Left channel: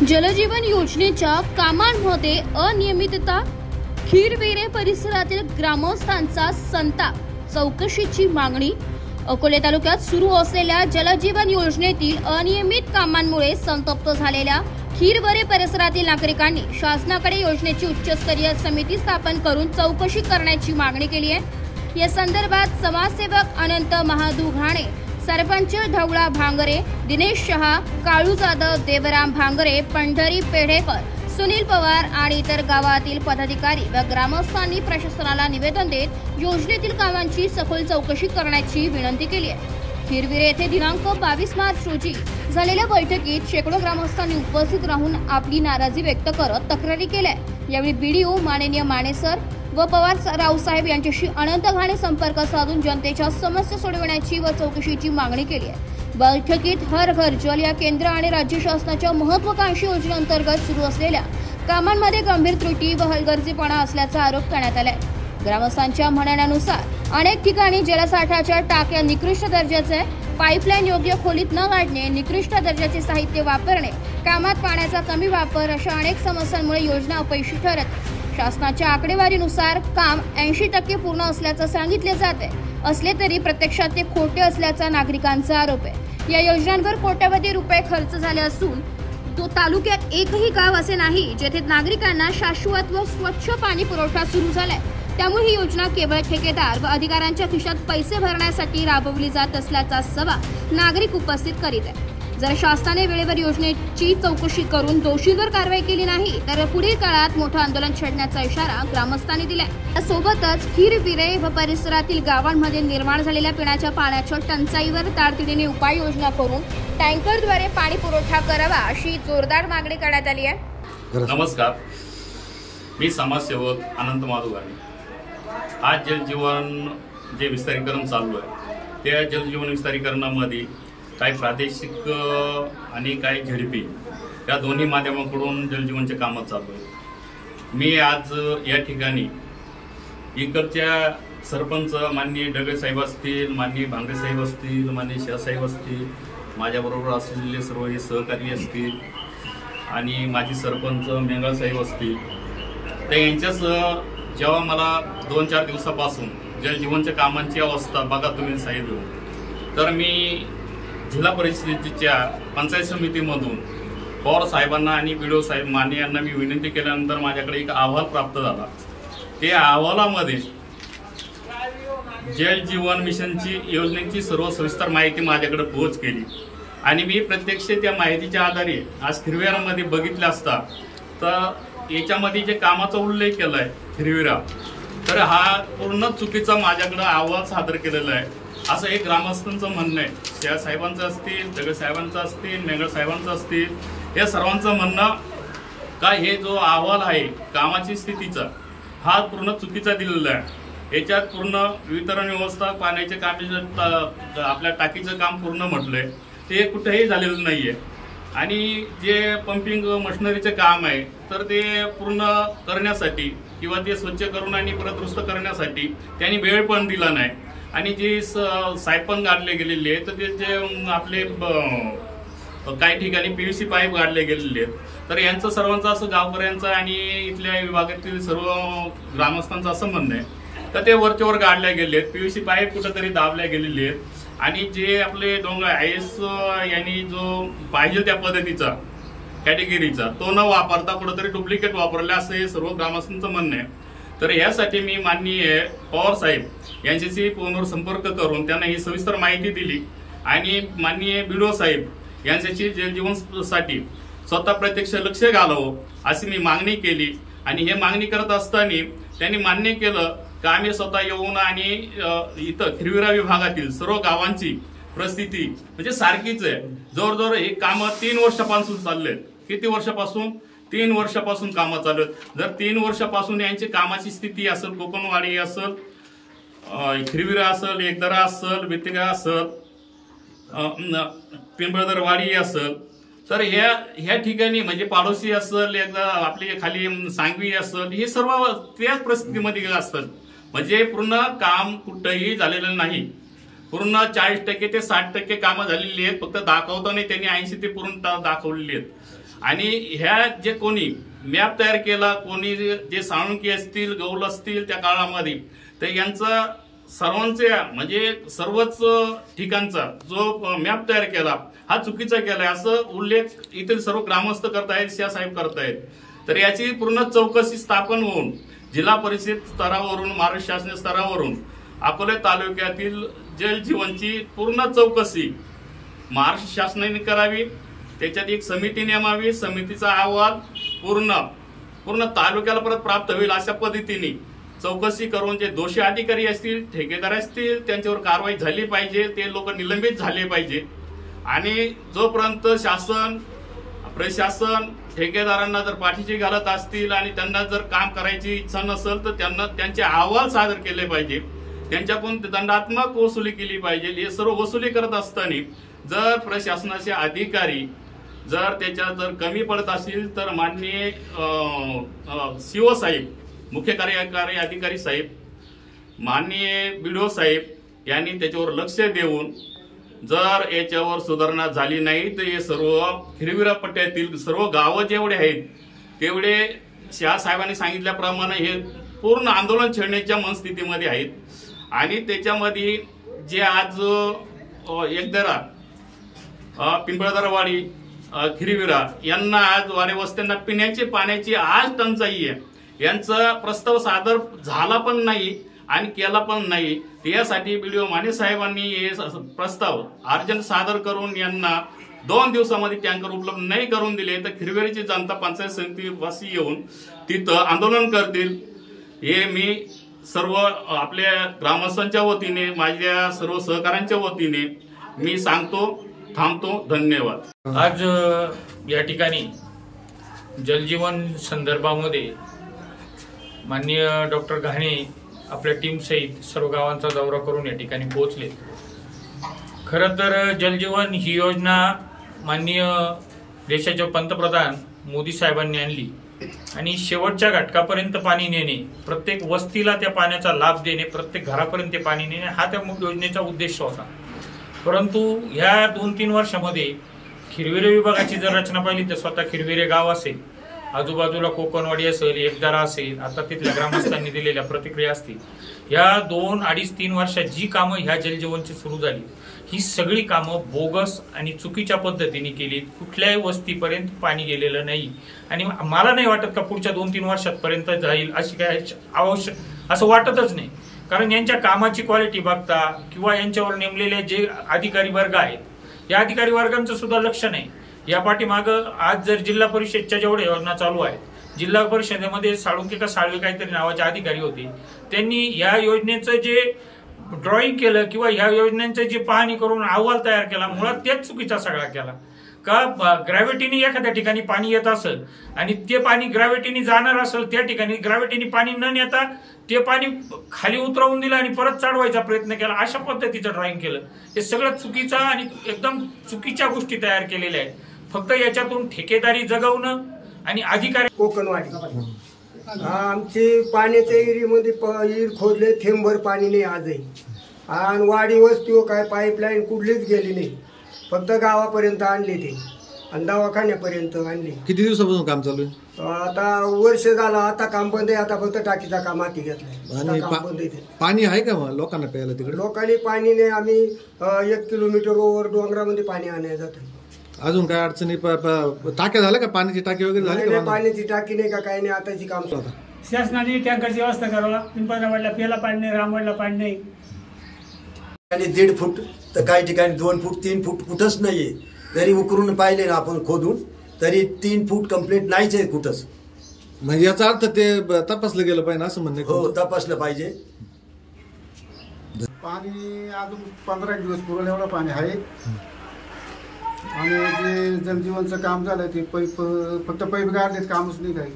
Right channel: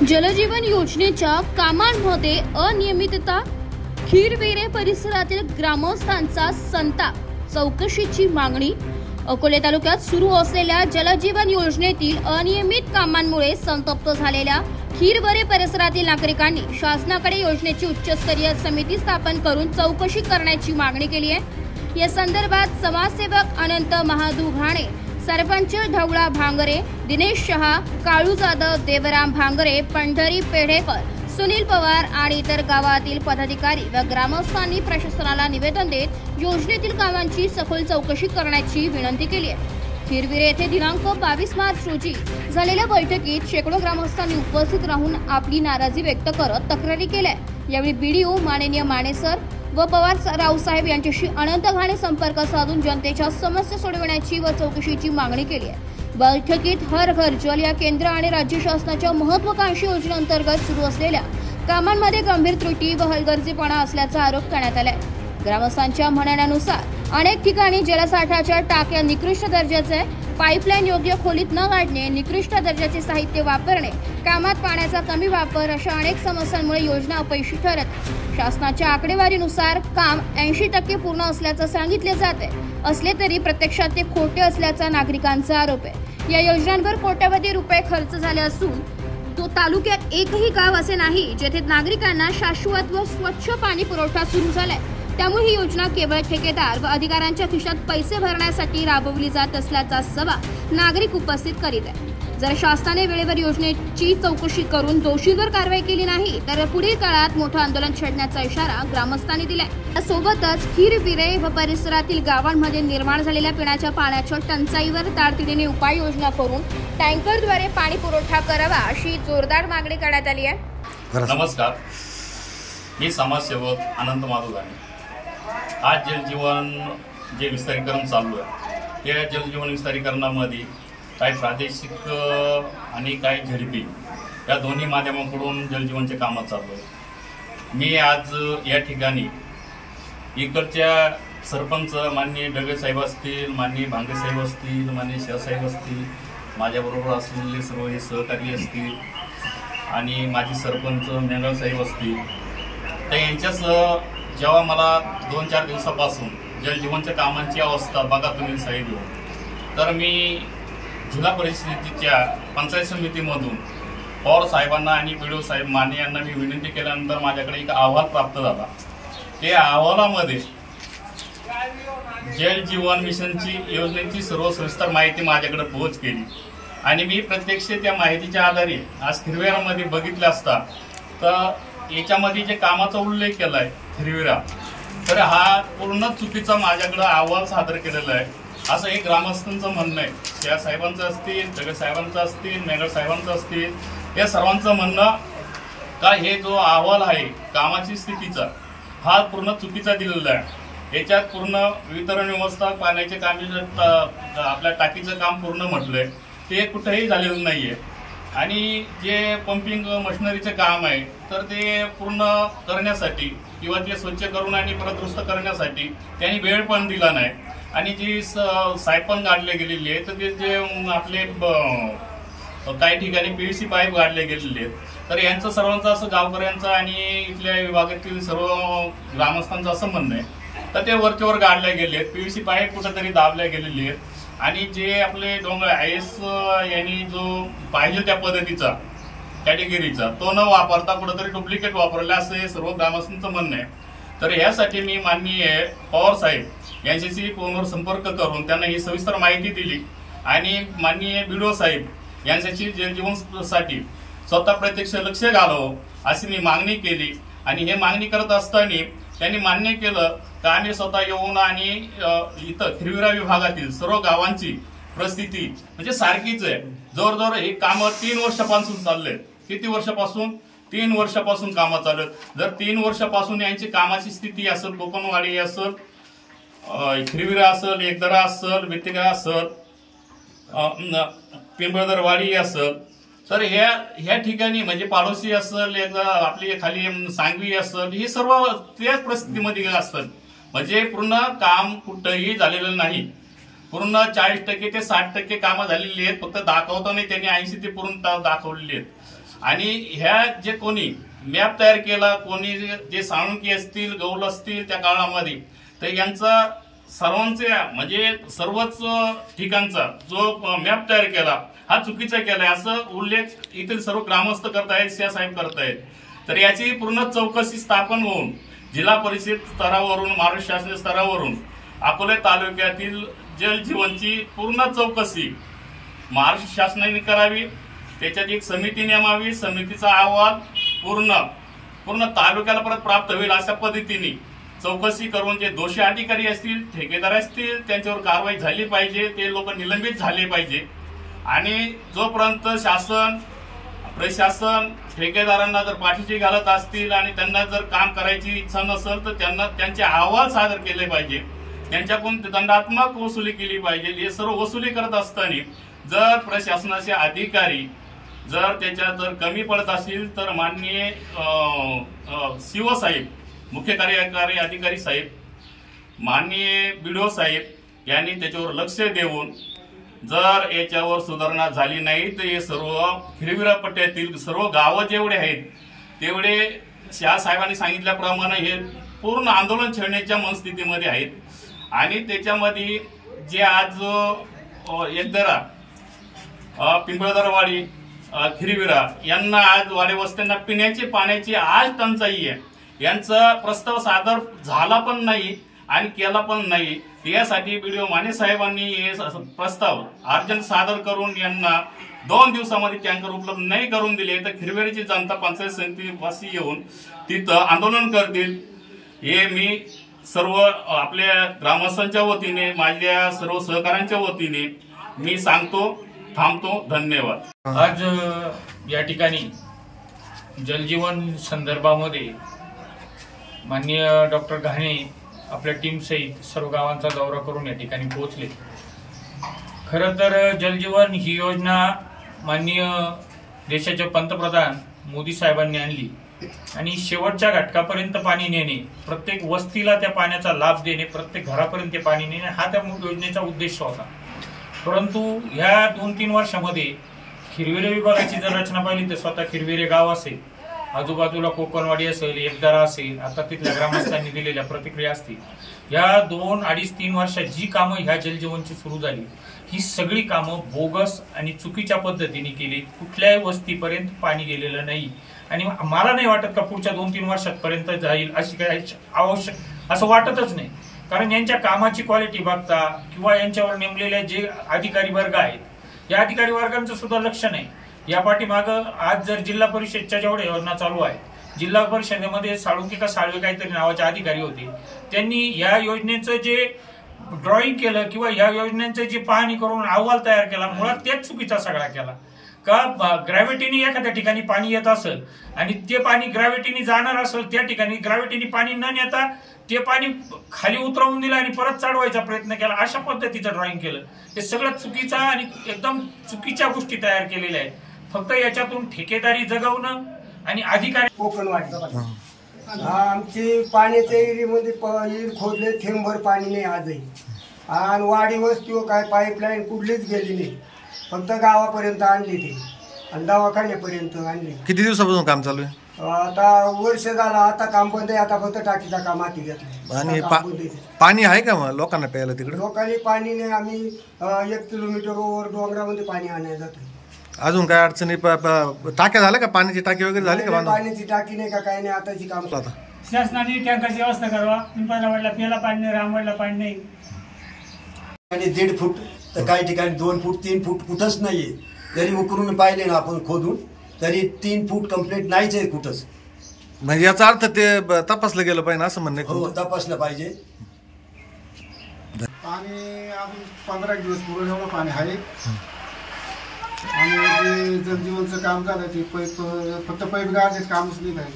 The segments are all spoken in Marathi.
जलजीवन योजनेच्या कामांमध्ये अनियमितता, खीरवेरे परिसरातील ग्रामस्थांचा संताप, चौकशीची मागणी। अकोले तालुक्यात सुरू असलेल्या जलजीवन योजनेतील अनियमित कामांमुळे संतप्त झालेल्या खीरवेरे परिसरातील नागरिकांनी शासनाकडे योजनेची उच्चस्तरीय समिती स्थापन करून चौकशी करण्याची मागणी केली आहे। या संदर्भात समाजसेवक अनंत महादू घाणे, सरपंच ढवळा भांगरे, दिनेश शहा, काळू जाधव, देवराम भांगरे, पंढरी पेढेकर, सुनील पवार आणि इतर गावातील पदाधिकारी व ग्रामस्थांनी प्रशासनाला निवेदन देत योजनेतील कामांची सखोल चौकशी करण्याची विनंती केली आहे। खीरवेरे येथे दिनांक 22 मार्च रोजी झालेल्या बैठकीत शेकडो ग्रामस्थांनी उपस्थित राहून आपली नाराजी व्यक्त करत तक्रारी केल्या। यावेळी बीडीओ माननीय माने सर व पवार रावसाहेब यांच्याशी अनंत घाणे संपर्क साधून जनतेच्या समस्या सोडवण्याची व चौकशीची मागणी केली आहे। बैठकीत हर घर जल या केंद्र आणि राज्य शासनाच्या महत्त्वाकांक्षी योजनेअंतर्गत सुरू असलेल्या कामांमध्ये गंभीर त्रुटी व हलगर्जीपणा असल्याचा आरोप करण्यात आलाय। ग्रामस्थांच्या म्हणण्यानुसार अनेक ठिकाणी जलसाठ्याच्या टाक्या निकृष्ट दर्जाचे, पाईपलाईन योग्य खोलीत न काढणे, निकृष्ट दर्जाचे साहित्य वापरणे, कामात पाण्याचा कमी वापर अशा अनेक समस्यांमुळे योजना अपयशी ठरत। शासनाच्या आकडेवारीनुसार काम 80% पूर्ण असल्याचं सांगितले जाते, असले तरी प्रत्यक्षात ते खोटे असल्याचा नागरिकांचा आरोप आहे। या योजनांवर कोट्यवधी रुपये खर्च झाले असून तो तालुक्यात एकही गाव असे नाही जेथे नागरिकांना शाश्वत व स्वच्छ पाणी पुरवठा सुरू झालाय। त्यामुळे ही योजना केवळ ठेकेदार व अधिकाऱ्यांच्या खिशात पैसे भरण्यासाठी राबवली जात असल्याचा सवाल नागरिक उपस्थित करीत आहे। जर शासनाने वेळेवर योजनेची चौकशी करून दोषींवर कारवाई केली नाही तर पुढील काळात मोठं आंदोलन छेडण्याचा इशारा ग्रामस्थांनी दिलाय। यासोबतच खीरवेरे व परिसरातील गावांमध्ये निर्माण झालेल्या पिण्याच्या पाण्याच्या टंचाईवर तातडीने उपाययोजना करून टँकरद्वारे पाणी पुरवठा करावा अशी जोरदार मागणी करण्यात आली आहे। नमस्कार, मी समाजसेवक अनंत महादू घाणे। आज जलजीवन जे विस्तारीकरण चालू आहे त्या जलजीवन विस्तारीकरणामध्ये काही प्रादेशिक आणि काही झडपी या दोन्ही माध्यमांकडून जलजीवनचे कामं चालू आहे। मी आज या ठिकाणी इकडच्या सरपंच माननीय डगे साहेब असतील, माननीय भांगरे साहेब असतील, माननीय शाह साहेब असतील, माझ्याबरोबर असलेले सर्व हे सहकारी असतील आणि माजी सरपंच मेंगळ साहेब असतील, तर यांच्यासह जेव्हा मला 2-4 दिवसापासून जलजीवनच्या कामांची अवस्था बघा तुम्ही साहेब येऊन, तर मी जिल्हा परिषदेच्या पंचायत समितीमधून पवार साहेबांना आणि बीडीओ साहेब माने यांना मी विनंती केल्यानंतर माझ्याकडे एक अहवाल प्राप्त झाला। त्या अहवालामध्ये जलजीवन मिशनची योजनेची सर्व सविस्तर माहिती माझ्याकडे पोहोच केली आणि मी प्रत्यक्ष त्या माहितीच्या आधारे आज खीरवेरामध्ये बघितलं असता तर याच्यामध्ये जे कामाचा उल्लेख केलाय खीरवेरा, तर हा पूर्ण चुकीचा माझ्याकडे अहवाल सादर केलेला आहे असं एक ग्रामस्थांचं म्हणणं आहे। शाह साहेबांचं असतील, डगे साहेबांचं असतील, मेंगळ साहेबांचं असतील, या सर्वांचं म्हणणं का हे जो अहवाल आहे कामाची स्थितीचा हा पूर्ण चुकीचा दिलेला आहे। याच्यात पूर्ण वितरण व्यवस्था, पाण्याचे काम, आपल्या टाकीचं काम पूर्ण म्हटलंय ते कुठेही झालेलं नाहीये आणि जे पंपिंग मशिनरीचे काम आहे तर ते पूर्ण करण्यासाठी किंवा ते स्वच्छ करून आणि परत दुरुस्त करण्यासाठी त्यांनी वेळ पण दिला नाही आणि जी सायपन गाडले गेलेली आहे तर ते जे आपले काही ठिकाणी PVC पाईप गाडले गेलेले आहेत तर यांचं सर्वांचं असं गावकऱ्यांचं आणि इथल्या विभागातील सर्व ग्रामस्थांचं असं म्हणणं आहे तर ते वरच्यावर गाडल्या गेले आहेत, PVC पाईप कुठेतरी दाबल्या गेलेले आहेत आणि जे आपले डोंगर IS यांनी जो पाहिजे त्या पद्धतीचा कॅटेगरीचा तो न वापरता कुठेतरी डुप्लिकेट वापरले असं हे सर्व ग्रामस्थांचं म्हणणं आहे। तर यासाठी मी माननीय पवार साहेब यांच्याशी फोनवर संपर्क करून त्यांना ही सविस्तर माहिती दिली आणि माननीय बीडीओ साहेब यांच्याशी जलजीवनसाठी स्वतः प्रत्यक्ष लक्ष घालावं अशी मी मागणी केली आणि हे मागणी करत असताना त्यांनी मान्य केलं का आम्ही स्वतः येऊन आणि इथं खीरवेरा विभागातील सर्व गावांची परिस्थिती म्हणजे सारखीच आहे। जवळजवळ हे कामं 3 वर्षापासून चाललेत। किती वर्षापासून? 3 वर्षापासून कामं चालू आहेत। जर 3 वर्षापासून यांची कामाची स्थिती असेल, कोकणवाडी असेल, खीरवेरा असेल, एकदरा असेल, बेतेगा असेल, पिंपळदरवाडी असेल, तर ह्या ठिकाणी म्हणजे पाडोशी असेल, एकदा आपली खाली सांगवी असेल, हे सर्व त्याच परिस्थितीमध्ये असतात। म्हणजे पूर्ण काम कुठेही झालेलं नाही। पूर्ण 40% ते 60% कामं झालेली आहेत, फक्त दाखवता नाही त्यांनी 80 ते पूर्ण दाखवलेली आहेत। आणि ह्या जे कोणी मॅप तयार केला, कोणी जे साळुंके असतील, गौल असतील त्या काळामध्ये, तर यांचा सर्वांचा म्हणजे सर्वच ठिकाणचा जो मॅप तयार केला हा चुकीचा केलाय असं उल्लेख इथे सर्व ग्रामस्थ करतायत, साहेब करतायत. तर याची पूर्ण चौकशी स्थापन होऊन जिल्हा परिषद स्तरावरून, महाराष्ट्र शासन स्तरावरून अकोले तालुक्यातील जलजीवनची पूर्ण चौकशी महाराष्ट्र शासनाने करावी. त्याच्यात एक समिती नेमावी. समितीचा अहवाल पूर्ण तालुक्याला परत प्राप्त होईल अशा पद्धतीने चौकशी करून जे दोषी अधिकारी असतील, ठेकेदार असतील, त्यांच्यावर कारवाई झाली पाहिजे. ते लोक निलंबित झाले पाहिजे. आणि जोपर्यंत शासन, प्रशासन ठेकेदारांना जर पाठीशी घालत असतील आणि त्यांना जर काम करायची इच्छा नसेल तर त्यांना त्यांचे अहवाल सादर केले पाहिजे. त्यांच्याकडून दंडात्मक वसुली केली पाहिजे. हे सर्व वसुली करत असताना जर प्रशासनाचे अधिकारी जर त्याच्यात जर कमी पडत असतील तर माननीय सीओ साहेब, मुख्य कार्यकारी अधिकारी साहेब, माननीय बीडीओ साहेब यांनी त्याच्यावर लक्ष देऊन जर याच्यावर सुधारणा झाली नाही तर हे सर्व हिरविरा पट्ट्यातील सर्व गावं जेवढे आहेत तेवढे साहेबांनी सांगितल्याप्रमाणे हे पूर्ण आंदोलन छेडण्याच्या मनस्थितीमध्ये आहेत. आणि त्याच्यामध्ये जे आज एकदरा, पिंपळदरवाडी, खिरविरा यांना आज वाडे वस्त्यांना पिण्याची पाण्याची आज टंचाई आहे. यांचा प्रस्ताव सादर झाला पण नाही आणि केला पण नाही. यासाठी बीडीओ माने साहेबांनी हे प्रस्ताव अर्जंट सादर करून यांना 2 दिवसामध्ये टँकर उपलब्ध नाही करून दिले तर खिरवेरीची जनता पंचायत समितीवासी येऊन तिथं आंदोलन करतील. हे मी सर्व आपल्या ग्रामस्थांच्या वतीने, माझ्या सर्व सहकाऱ्यांच्या वतीने मी सांगतो. थांबतो. धन्यवाद. आज या ठिकाणी जलजीवन संदर्भामध्ये माननीय डॉक्टर घाणे आपल्या टीम सहित सर्व गावांचा दौरा करून या ठिकाणी पोहोचले. खरं तर जलजीवन ही योजना माननीय देशाचे पंतप्रधान मोदी साहेबांनी आणली आणि शेवटच्या घटकापर्यंत पाणी नेणे, प्रत्येक वस्तीला त्या पाण्याचा लाभ देणे, प्रत्येक घरापर्यंत ते पाणी नेणे हा त्या योजनेचा उद्देश होता. परंतु ह्या 2-3 वर्षामध्ये खिरविरे विभागाची जर रचना पाहिली तर स्वतः खिरविरे गाव असेल, आजूबाजूला कोकणवाडी असेल, एकदरा असेल, आता तिथल्या ग्रामस्थांनी दिलेल्या प्रतिक्रिया असतील, या 2-2.5-3 वर्षात जी कामं ह्या जलजीवनची सुरू झाली ही सगळी कामं बोगस आणि चुकीच्या पद्धतीने केली. कुठल्याही वस्तीपर्यंत पाणी गेलेलं नाही आणि मला नाही वाटत का पुढच्या 2-3 वर्षांपर्यंत जाईल अशी काय आवश्यक असं वाटतच नाही. कारण यांच्या कामाची क्वालिटी बघता किंवा यांच्यावर नेमलेले जे अधिकारी वर्ग आहेत या अधिकारी वर्गांचं सुद्धा लक्ष नाही. या पाठीमागं आज जर जिल्हा परिषदच्या जेवढ्या योजना चालू आहेत, जिल्हा परिषदेमध्ये साळुंके का साळवे काहीतरी नावाचे अधिकारी होते, त्यांनी या योजनेचं जे ड्रॉइंग केलं किंवा या योजनेचं जे पाहणी करून अहवाल तयार केला, मुळात तेच चुकीचा सगळा केला. का ग्रॅव्हिटीने एखाद्या ठिकाणी पाणी येत असेल आणि ते पाणी ग्रॅव्हिटीने जाणार असेल, त्या ठिकाणी ग्रॅव्हिटीने पाणी न नेता ते पाणी खाली उतरवून दिलं आणि परत चढवायचा प्रयत्न केला, अशा पद्धतीचं ड्रॉइंग केलं. हे सगळं चुकीचं आणि एकदम चुकीच्या गोष्टी तयार केलेल्या आहेत. फक्त याच्यातून ठेकेदारी जगवणं आणि अधिकारी. कोकणवाडी आमची पाण्याच्या एरियामध्ये विहीर खोदले, थेंबभर पाणी नाही आजही. आणि वाडी वस्तीवर काय पाईपलाईन कुठलीच गेली नाही, फक्त गावापर्यंत आणली ते आणि दवाखान्यापर्यंत आणली. किती दिवसापासून काम चालू आहे? आता वर्ष झालं. आता काम बंद आहे. आता फक्त टाकीचा काम हाती घेतलाय. आणि पाणी आहे का मग लोकांना प्यायला तिकडे? लोकांनी पाणी नाही. आम्ही 1 किलोमीटर वर डोंगरामध्ये पाणी आणायला जातो. अजून काय अडचणी? टाक्या झाल्या का? पाण्याची टाकी वगैरे झाली का? पाण्याची टाकी नाही का, काही नाही. आताची काम आता शासनाने टँकरची व्यवस्था करावा. पिंपळवाडला प्यायला पाणी नाही, रामवाडला पाणी नाही. आणि 1.5 फूट तर काही ठिकाणी 2 फूट 3 फूट कुठंच नाहीये. जरी उकरून पाहिले ना आपण खोदून तरी 3 फूट कंप्लीट नाहीच आहे कुठंच. म्हणजे याचा अर्थ ते तपासलं गेलं पाहिजे असं म्हणणं? हो, तपासलं पाहिजे. पाणी अजून 15 दिवस पुरेल एवढं पाणी आहे. आणि जे जलजीवनचं काम झालं ते पाईप, फक्त पाईप गाळण्यात कामच नाही. काही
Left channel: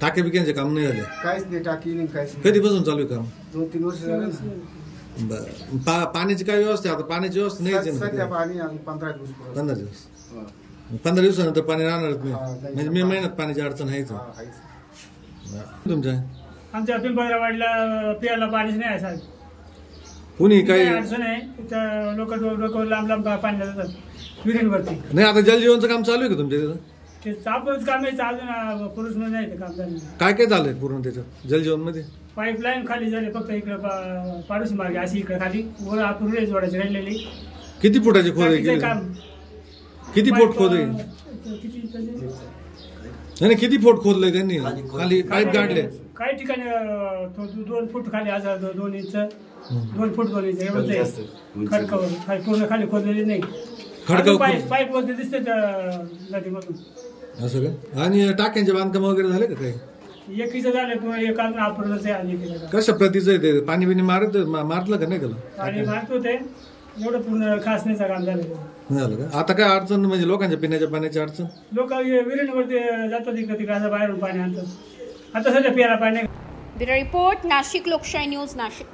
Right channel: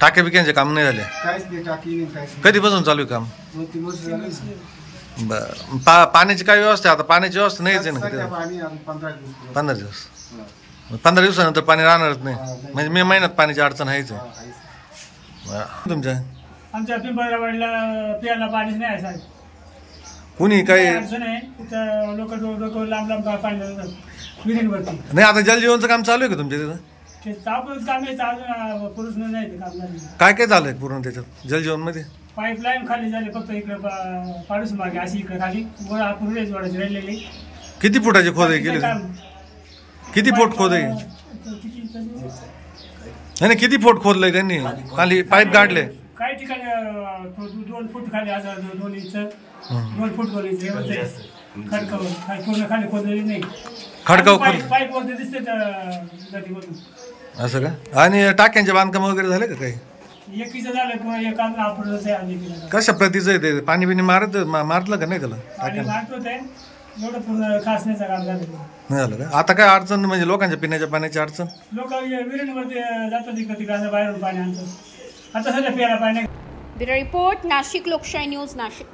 टाक्या बिक्यांचे काम नाही झाले? काहीच नाही. टाकी नाही, काहीच नाही. कधीपासून चालू आहे काम? 2-3 वर्ष झाले. बरं. पाण्याची काय व्यवस्था? आता पाण्याची व्यवस्था नाहीच आहे ना? पाणी अजून 15 दिवस. 15 दिवस. 15 दिवसानंतर पाणी राहणारच नाही. म्हणजे मे महिन्यात पाण्याची अडचण आहेच. तुमच्या आमच्या पिंपळवाडीला प्यायला पाणीच नाही आहे साहेब. कुणी काही अडचण आहे. लोक लांब लांब पाणी जातात विहिरींवरती. नाही. आता जलजीवनचं काम चालू आहे का तुमच्या तिथं? ते आपणच काम यायचं अजून पुरुष नाही ते काम झालं. काय काय झालंय पूर्ण त्याच्यात जलजीवन मध्ये? पाईपलाईन खाली झाली फक्त इकडे पाडूस मार्गे अशी इकडे खाली वर आपण रेज जोडायची राहिलेली. किती फुटाची खोदाई केली? किती फूट खोदाई? नाही किती फूट खोदलंय त्यांनी? खाली पाईप गाडले काही ठिकाणी 2 फूट खाली 2 इंच 2 फूट 2 इंच एवढं खडकावर पूर्ण खाली खोदलेली नाही. खडकावर पाईप वरती दिसते नदीमधून. असं का? आणि टाक्यांचे बांधकाम वगैरे झाले का काही? एकीचं झालं पुन्हा एक अजून आपणच आहे. कशा प्रतीचं आहे ते? पाणी बिणी मारलं का नाही त्याला? पाणी मारतो ते एवढं पूर्ण खासण्याचं काम झालं नाही झालं का? आता काय अडचण म्हणजे लोकांच्या पिण्याच्या पाण्याची अडचण? लोक विहिरींवरती जातात तिकडे असं बाहेरून पाणी आणतात. आता सध्या प्यायला पाणी. ब्युरो रिपोर्ट नाशिक लोकशाही न्यूज नाशिक.